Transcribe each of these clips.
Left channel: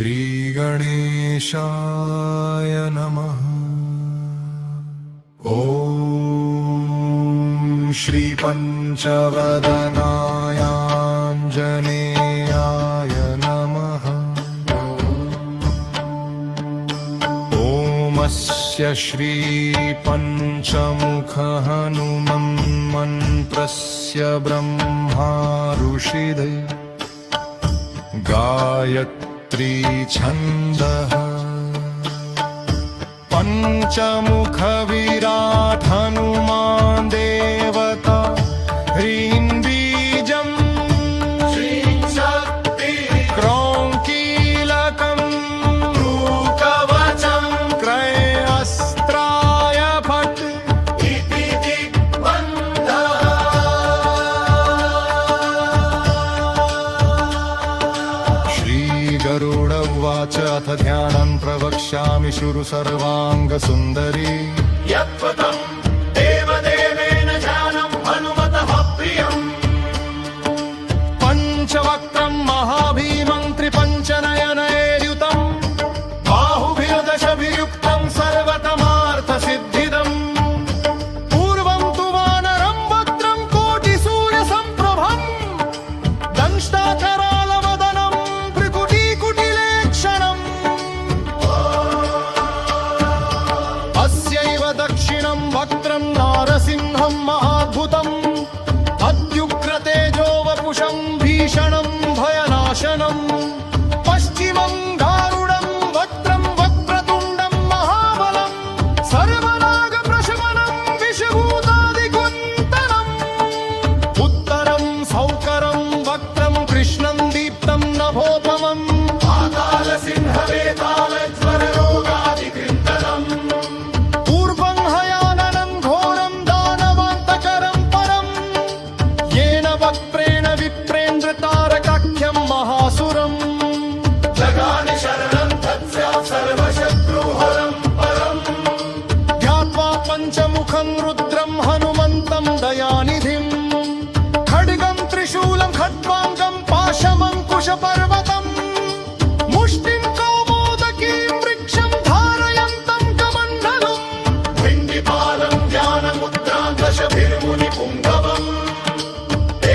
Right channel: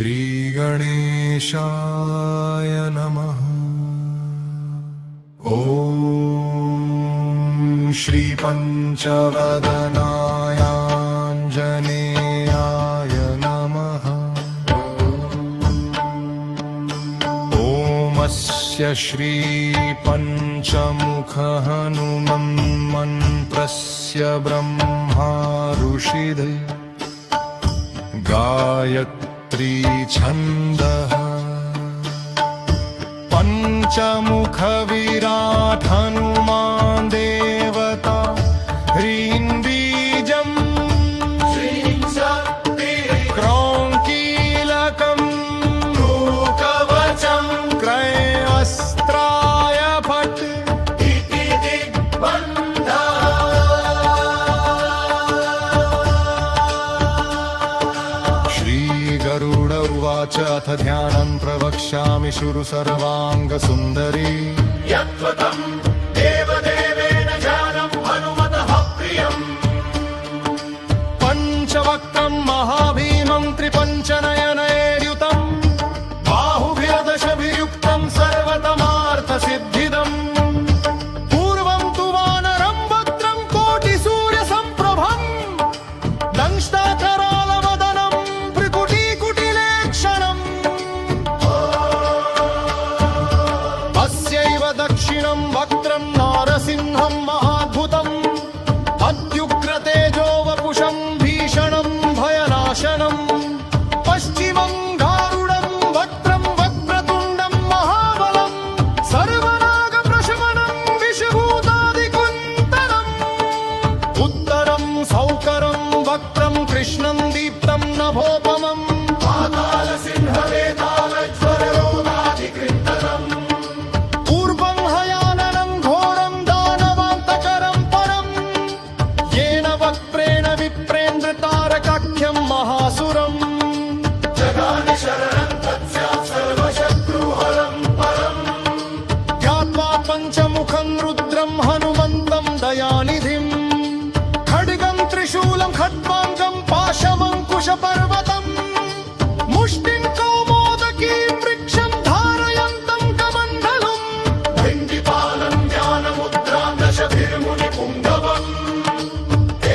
श्रीगणेशाय नमः। ॐ श्रीपञ्चवदनायाञ्जनेयाय नमः। ॐ श्रीपञ्चमुखहनुमन्मन्त्रस्य ब्रह्मा ऋषिदे गायत्री छन्दः। पञ्चमुखविराट् हनुमान् देवता ह्रीं बीजम् क्रौं कीलकम् कवचम् क्रयस्त्राय फट् इति दिग्बन्धः। श्रीगरुड उवाच अथ ध्यानं प्रवक्ष्यामि शुरु सर्वाङ्गसुन्दरी। यत्त्वम् देवदेवेन ध्यानं हनुमतः प्रियम्। पञ्चवक्त्रं महाभीमं त्रिपञ्चनयनैर्युतम् बाहुभिर्दशभिर्युक्तं सर्वतमार्थसिद्धिदम्। पूर्वं तु वानरं वक्त्रं कोटिसूर्यसम्प्रभम् दंष्टाकरालवदनं भ्रुकुटीकुटिलेक्षणम्। अस्यैव दक्षिणं वक्त्रं नारसिंहं महाद्भुतम् अत्युग्रतेजो वपुषं भीषणं भयनाशनम्। पश्चिमं गारुडं वक्त्रं वक्रतुण्डं महाबलं सर्वनागप्रशमनं विषभूतादिकुन्तरम्। उत्तरं सौकरं वक्त्रं कृष्णं दीप्तं नभोपमम् पातालसिंहवेतालज्वररोगादिकृन्दनम्। पूर्वं हयाननं घोरं दानवान्तकरं परम् येन वक्त्रेण विप्रेन्द्रतारकाख्यं महासुरम्। जगानि शरणं तत्स्यात् सर्वशत्रुहरं परम्। ध्यात्वा पञ्चमुखं रुद्रं हनुमन्तं दयानिधिम् खड्गं त्रिशूलं खट्वाङ्गं पाशमङ्कुशपर्वतम् मुष्टिं कौमोदकीं वृक्षं धारयन्तं कमण्डलुम्। भिन्दिपालं ध्यानमुद्रां दशभिर्मुनिपुङ्गवम्।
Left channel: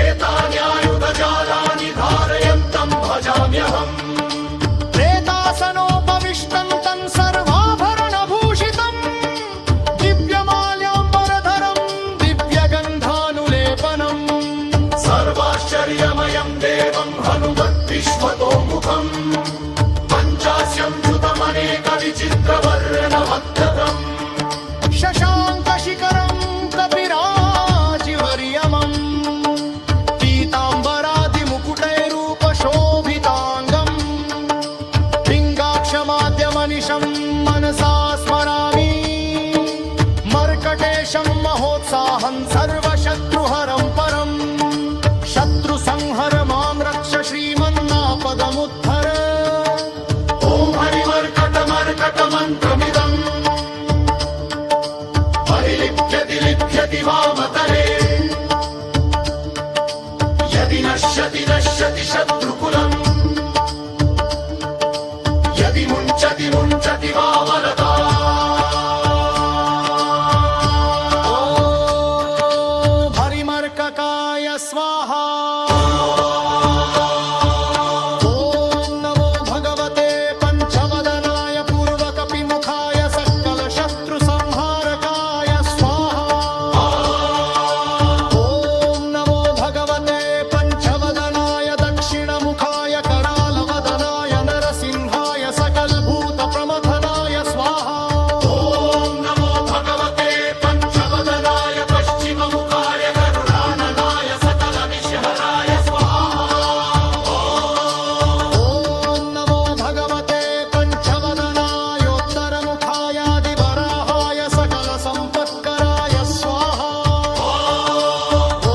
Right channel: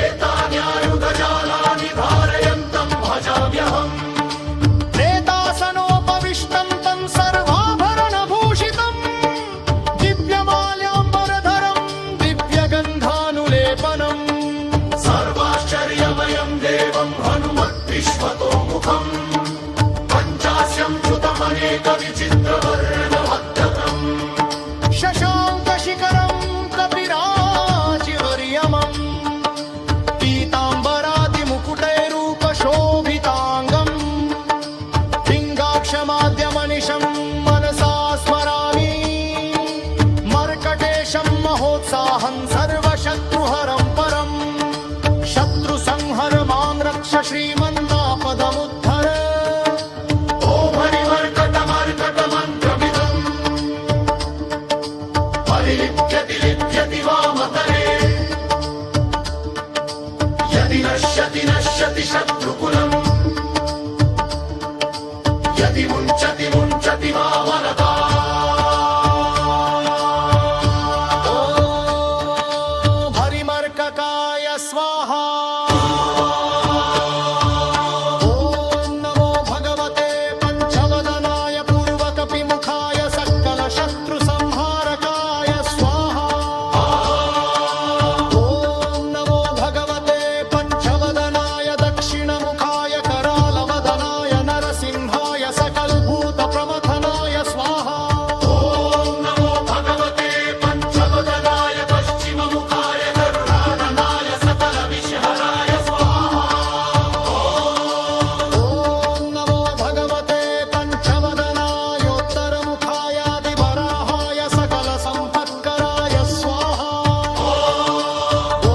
एतान्यायुधजालानि धारयन्तं भजाम्यहम्। प्रेतासनोपविष्टं तं सर्वाभरणभूषितम् दिव्यमाल्याम्बरधरं दिव्यगन्धानुलेपनम्। सर्वाश्चर्यमयं देवं हनुमद्विश्वतोमुखम्। पञ्चास्यं च्युतमनेकविचित्रवर्णभक्तम्। शशाङ्कशिखरं कपिराजिवर्यमम् पीताम्बरादिमुकुटैरूपशोभिताङ्गम्। पिङ्गाक्षमाद्यमनिशं मनसा स्मरामि मर्कटेशं महोत्साहं सर्वशत्रुहरं परम्। शत्रुसंहर मां रक्ष श्रीमन्नापदमुद्धर। ॐ हरिमर्कटमर्कटमन्त्रमिदम् परिलिप्यति लिप्यति वामतले। यदि नश्यति नश्यति शत्रुकुलम्। यदि मुञ्चति मुञ्चति वामलता। ॐ हरिमर्ककाय स्वाहा। ॐ नमो भगवते पञ्चवदनाय पूर्वकपिमुखाय सकलशत्रुसंहारकाय स्वाहा। ॐ नमो भगवते पञ्चवदनाय दक्षिणमुखाय करालवदनाय नरसिंहाय सकलभूतप्रमथनाय स्वाहा। ॐ नमो भगवते पञ्चवदनाय पश्चिममुखाय गरुडाननाय सकलविषहराय स्वाहा। ॐ नमो भगवते पञ्चवदनायोत्तरमुखायादिवराहाय सकलसम्पत्कराय स्वाहा। ॐ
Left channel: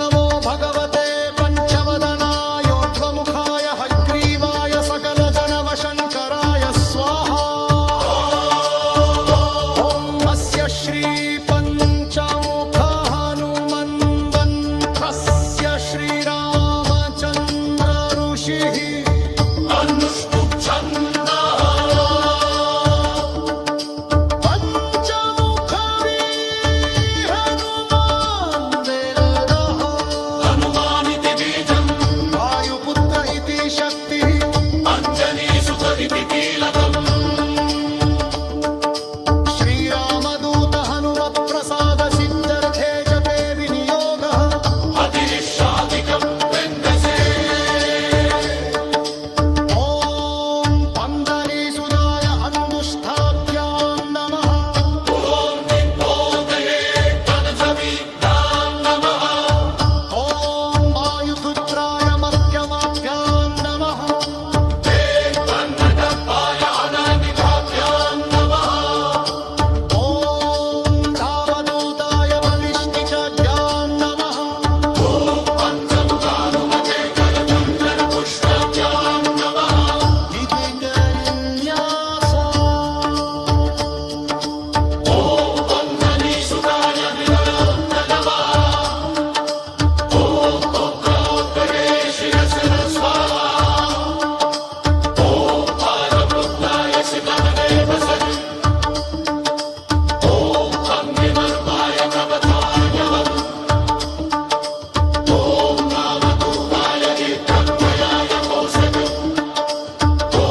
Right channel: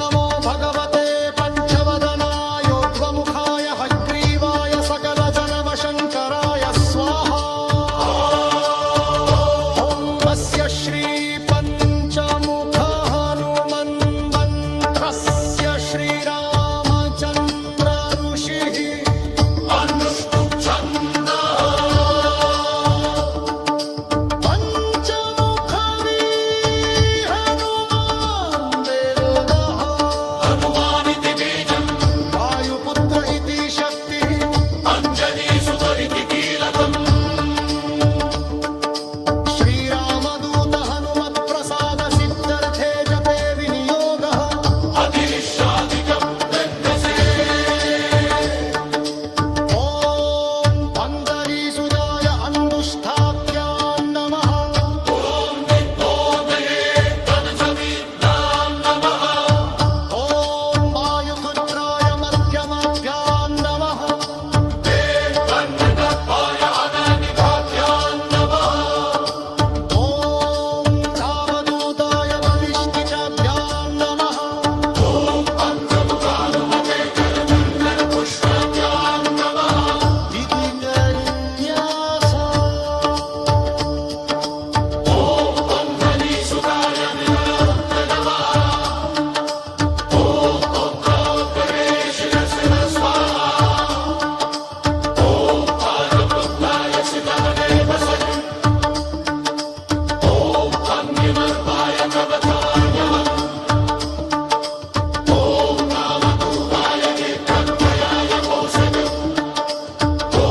नमो भगवते पञ्चवदनायोर्ध्वमुखाय हयग्रीवाय सकलजनवशङ्कराय स्वाहा। ॐ अस्य श्रीपञ्चमुख हनुमन्वन्त्रस्य श्रीरामचन्द्र ऋषिः अनुष्टुप् शक्तिः अञ्जनी सुतरिति कीलकम् श्रीरामदूत हनुमत्प्रसाद सिद्धर्थे जपे विनियोगः अतिरिष्टादिकम् वेन्दसे ॐ पन्दरीसुजाय अन्दुष्ठाभ्यां नमः ॐ विद्मोदये तनुसविघ्नां नमः ॐ वायुपुत्राय मध्यमाभ्यां नमः वन्नतत्त्वाय अननिकाभ्यां नमः ॐ रामदूताय बलिष्ठिचाभ्यां नमः ॐ पञ्चमुखानुमते करकन्नरपुष्पाभ्यां नमः विधिकरिन्यास ॐ पन्दरीसुताय विनयोक्त नमः ॐ पुत्रोत्पदे शिरसः स्वाहा ॐ पालुपुत्राय सिद्धमने वसति ॐ वह्निवर्माय कवचाय नमः ॐ नामधूताय दीप्तर्वयाय कौशलम् ॐ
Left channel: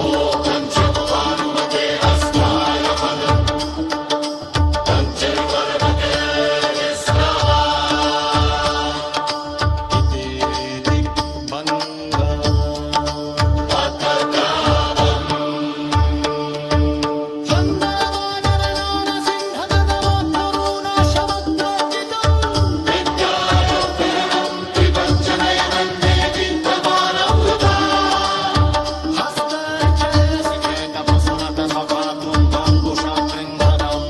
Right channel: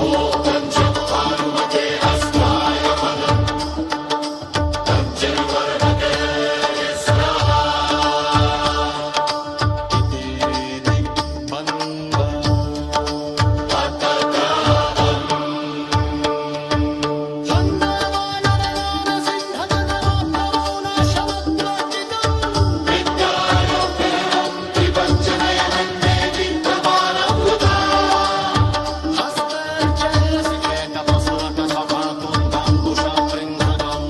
पञ्चमुखानुमते हस्ताय पदम् पञ्चविवरमते स्वाहा इति दिग्बन्ध हस्तर्चनरसिकेतपसुनत सखातुन्धं तुषा पृङ्गदम्